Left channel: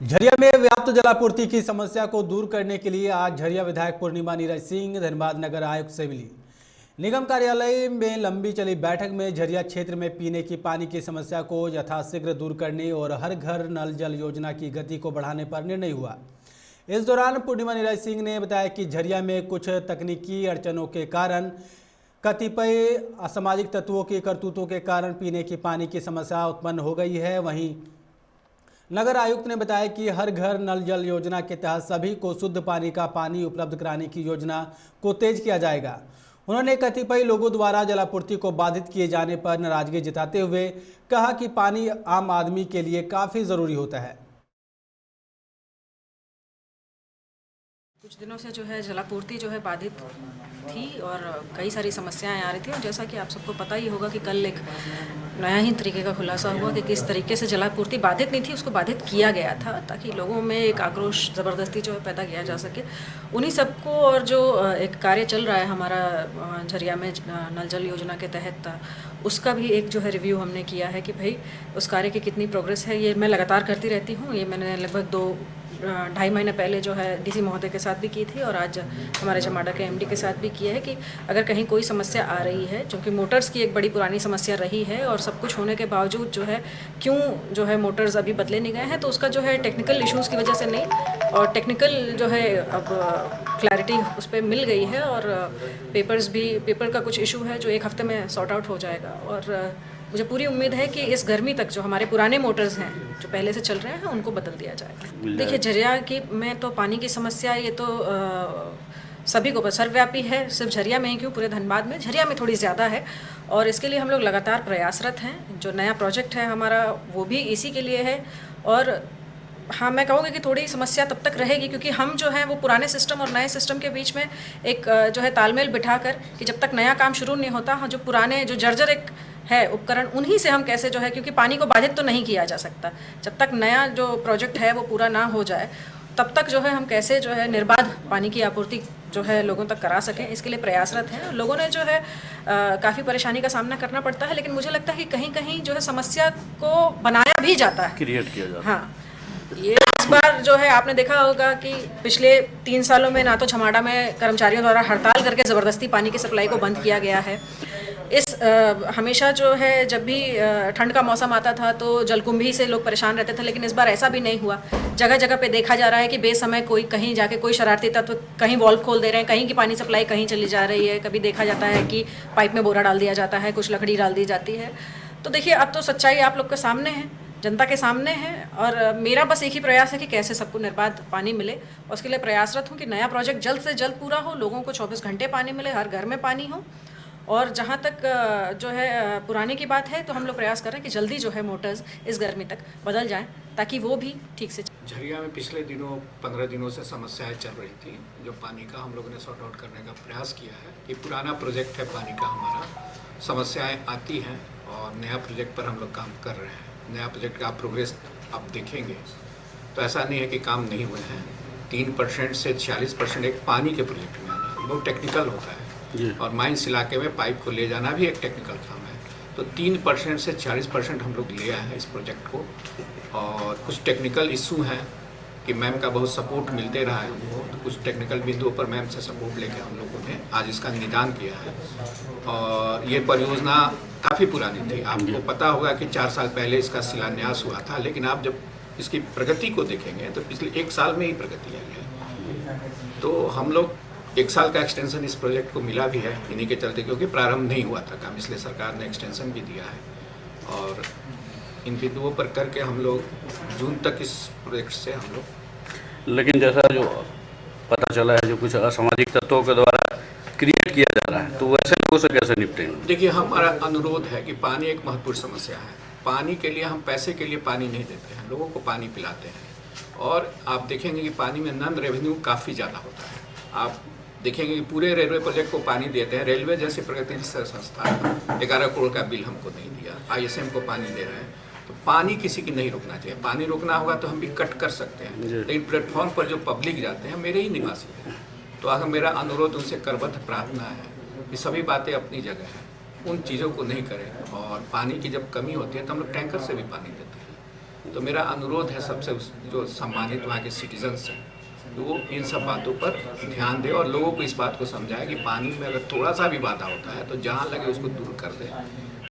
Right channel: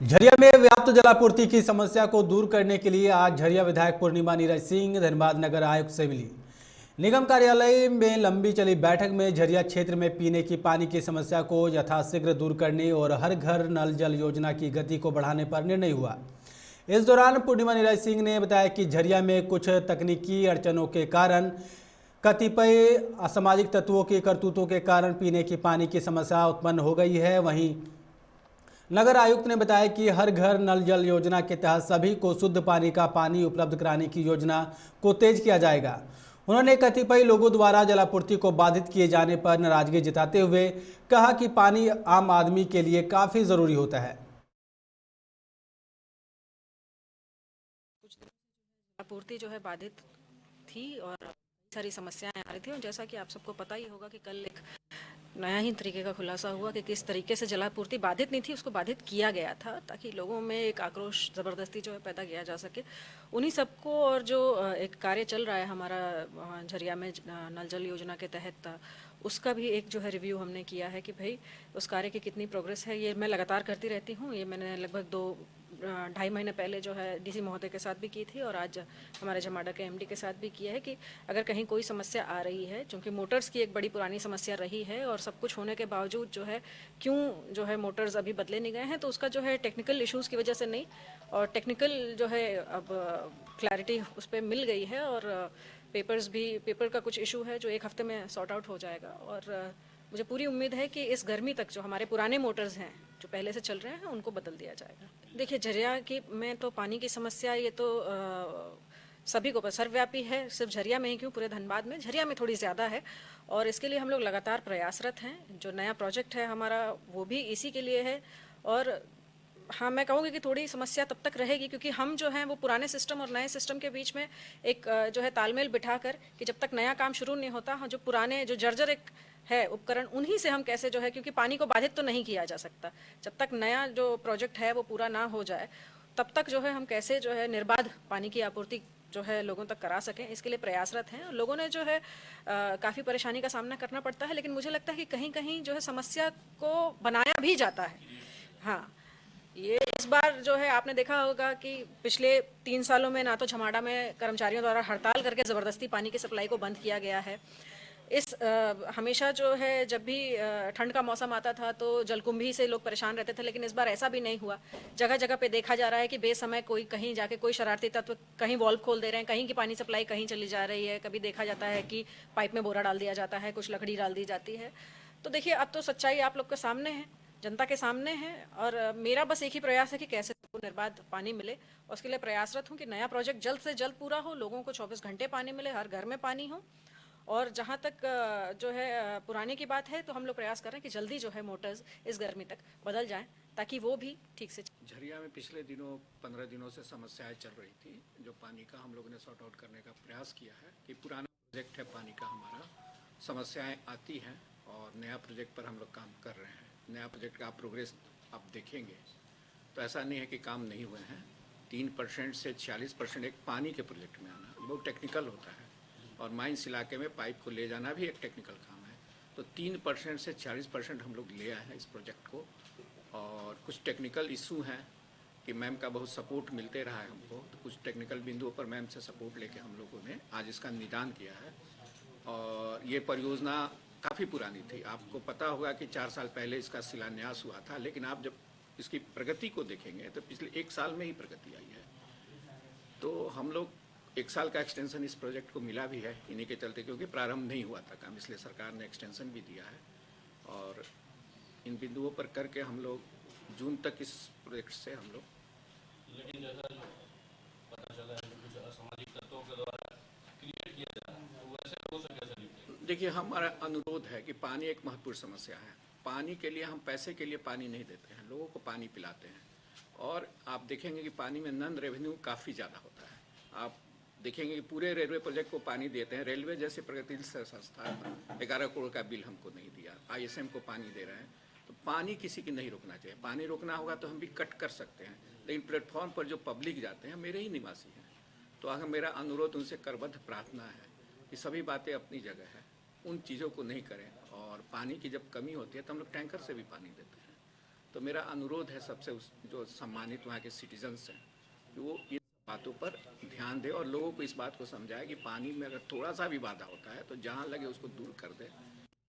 झरिया में व्याप्त जलापूर्ति की समस्या को दूर करने के लिए आज झरिया विधायक पूर्णिमा नीरज सिंह धनबाद नगर आयुक्त से मिली। निगम कार्यालय में लंबी चली बैठक में झरिया क्षेत्र में पीने की पानी की समस्या को यथाशीघ्र दूर करने और हर घर नल जल योजना की गति को बढ़ाने पर निर्णय हुआ। इस दौरान पूर्णिमा नीरज सिंह ने बताया कि झरिया में कुछ तकनीकी अड़चनों के कारण कतिपय असामाजिक तत्वों की करतूतों के कारण पीने की पानी की समस्या उत्पन्न हो गई है। वहीं नगर आयुक्त ने बताया कि हर घर नल जल योजना के तहत सभी को शुद्ध पानी उपलब्ध कराने की योजना को तेज किया जाएगा। उन्होंने कतिपय लोगों द्वारा जलापूर्ति को बाधित किए जाने पर नाराजगी जताते हुए कहा कि पानी आम आदमी के लिए काफ़ी ज़रूरी होता है। कुछ दिनों से जो है जलापूर्ति जो है बाधित थी और कई सारी समस्याएं आ रही थी। और जैसा कि आप सबको पता ही होगा कि कल एक नया ही तरीके का खुलासा हुआ कि किस तरीके से जलापूर्ति बाधित नहीं थी, उसको बाधित किया गया था ताकि लोगों में एक आक्रोश ज़बरदस्ती जो है पैदा किया जा सके। उन्हीं सबको और जो एक कार्य चल रहा है हमारा झरिया में नल जल योजना के तहत, उसका भी एक जो है रिव्यू हमने किया है कि भाई उस कार्य की कितनी प्रोग्रेस है। ये मैं लगातार करती रहती हूँ। ये मैंने लगभग 2-2.5 महीने पहले जो है डीसी महोदय के साथ भी की थी और आज हमारे जमाडा के एमडी के साथ भी किया है कि अगर कहीं कोई समस्या आ रही है, क्योंकि मोटर्स की एक बड़ी पुरानी समस्या रही है और सब कुछ होने के बावजूद जो है क्यों जो है मोटर्स अभी बदले नहीं गए हैं, तो उसका जो है टेक्निकल इश्यूज़ की वजह से नहीं, और टेक्निकल जो है अब क्लैरिटी उस पर मिल गई है और पेपर का कुछ इशू है जो 1 हफ्ते में सॉर्ट आउट हो जाएगा। और मुझे पूरी उम्मीद है कि इस गर्मी तक जो हमारे पुराने मोटर्स हैं जो पहले से चल रहे हैं उनको बदल दिया जाएगा। देखिए झरिया की में तो पानी की समस्या ये तो सभी को सर्वव्यापी है, सिर्फ झरिया में ही क्यों, पूरे धनबाद में, झरिया में थोड़ी ज़्यादा है और इसके लिए हम लोग लगातार प्रयासरत हैं। जो नया प्रोजेक्ट है हमारा वो भी इसी के लिए है। और हाँ, मैं कहूँगी कि थोड़ी समस्या तब तक रहेगी क्योंकि हम जो है वो पुराने सिस्टम और नए सिस्टम के बीच में एक जो है तालमेल बिठाकर कि जब तक नया काम शुरू नहीं होता, हाँ, जो पुराने जो जर्जर एक है उपकरण, उन्हीं से हम कैसे जो है, क्योंकि पानी को बाधित तो नहीं किया जा सकता जब तक नया जो प्रोजेक्ट है वो पूरा ना हो जाए, तब तक जो है हम कैसे जो है निर्बाध पानी की आपूर्ति जो है लोगों तक करा सकें, इसके लिए प्रयासरत हैं। लोगों ने जो है काफ़ी परेशानी का सामना करना पड़ता है, लेकिन मुझे लगता है कि कहीं कहीं जो है समस्या को बनाया भी जाता है, क्रिएट किया जाता है। हाँ, ये इस बार जो है आपने देखा होगा कि पिछले 3 सालों में ना तो छमाडा में कर्मचारियों द्वारा हड़ताल करके ज़बरदस्ती पानी की सप्लाई को बंद किया गया है। हमेशा जो है जब भी ठंड का मौसम आता था तो जलकुंभी से लोग परेशान रहते थे, लेकिन इस बार ऐसा भी नहीं हुआ। जगह जगह पे देखा जा रहा है कि बेसमय कोई कहीं जाके कोई शरारती तत्व कहीं वॉल्व खोल दे रहे हैं, कहीं की पानी सप्लाई कहीं चली जा रही है। कभी देखा जाता है कि पाइप में बोरा डाल दिया जाता है, कुछ लकड़ी डाल दी जाती है। तो देखिए अब तो सच्चाई आप लोग के सामने है, जनता के सामने है, और मेरा बस एक ही प्रयास है कि कैसे सबको निर्बाध पानी मिले। और उसके लिए प्रयासरत हूँ कि नया प्रोजेक्ट जल्द से जल्द पूरा हो, लोगों को 24 घंटे पानी मिले, हर घर में पानी हो। और जहाँ तक जो है पुराने की बात है तो हम लोग प्रयास कर रहे हैं कि जल्दी जो है मोटर्स इस गर्मी तक बदल जाएं ताकि वो भी ठीक से। झरिया में पिछले 15 दिनों से समस्याएं चल रही थी, जो पानी का हम लोगों ने सॉर्ट आउट करने का प्रयास किया है। ये पुराना प्रोजेक्ट है पानी का हमारा, समस्याएं आती हैं और नया प्रोजेक्ट पर हम लोग काम कर रहे हैं। नया प्रोजेक्ट का प्रोग्रेस आप देखेंगे तो ऐसा नहीं है कि काम नहीं हुए हैं। 3% से 46% एक पानी के प्रोजेक्ट में आना बहुत टेक्निकल होता है और माइंस इलाके में पाइप को ले जाना भी एक टेक्निकल काम है। तो 3% से 40% हम लोग ले आए हैं इस प्रोजेक्ट को। और कुछ टेक्निकल इशू हैं कि मैम का बहुत सपोर्ट मिलते रहा है हमको, तो कुछ टेक्निकल बिंदुओं पर मैम से सपोर्ट लेकर हम लोगों ने आज इसका निदान किया है। और ये परियोजना काफ़ी पुरानी थी, आपको पता होगा कि 4 साल पहले इसका शिलान्यास हुआ था, लेकिन आप जब इसकी प्रगति को देखेंगे तो पिछले 1 साल में ही प्रगति आई है। तो हम लोग 1 साल का एक्सटेंशन इस प्रोजेक्ट को मिला भी है इन्हीं के चलते, क्योंकि प्रारंभ नहीं हुआ था काम, इसलिए सरकार ने एक्सटेंशन भी दिया है। और इन बिंदुओं पर करके हम लोग जून तक इस प्रोजेक्ट से हम लोग, लेकिन जैसा जो पता चला है जो कुछ असामाजिक तत्वों के द्वारा क्रिएट किया जा रहा है, तो वैसे लोगों से कैसे निपटेंगे? देखिए हमारा अनुरोध है कि पानी एक महत्वपूर्ण समस्या है। पानी के लिए हम पैसे के लिए पानी नहीं देते हैं, लोगों को पानी पिलाते हैं। और आप देखेंगे कि पानी में नॉन रेवेन्यू काफ़ी ज़्यादा होता है। आप देखेंगे कि पूरे रेलवे प्रोजेक्ट को पानी देते हैं, रेलवे जैसी प्रगतिशील संस्था 11 करोड़ का बिल हमको नहीं दिया, ISM को पानी दे रहे हैं। तो पानी किसी की नहीं रोकना चाहिए। पानी रोकना होगा तो हम भी कट कर सकते हैं, लेकिन प्लेटफॉर्म पर जो पब्लिक जाते हैं मेरे ही निवासी हैं, तो अगर मेरा अनुरोध उनसे करबद्ध प्रार्थना है कि सभी बातें अपनी जगह हैं, उन चीज़ों को नहीं करें। और पानी की जब कमी होती है तो हम लोग टैंकर से भी पानी देते हैं, तो मेरा अनुरोध है सबसे जो सम्मानित वहाँ के सिटीजन्स हैं तो वो इन सब बातों पर ध्यान दें और लोगों को इस बात को समझाएं कि पानी में अगर थोड़ा सा भी बाधा होता है तो जहाँ लगे उसको दूर कर दें।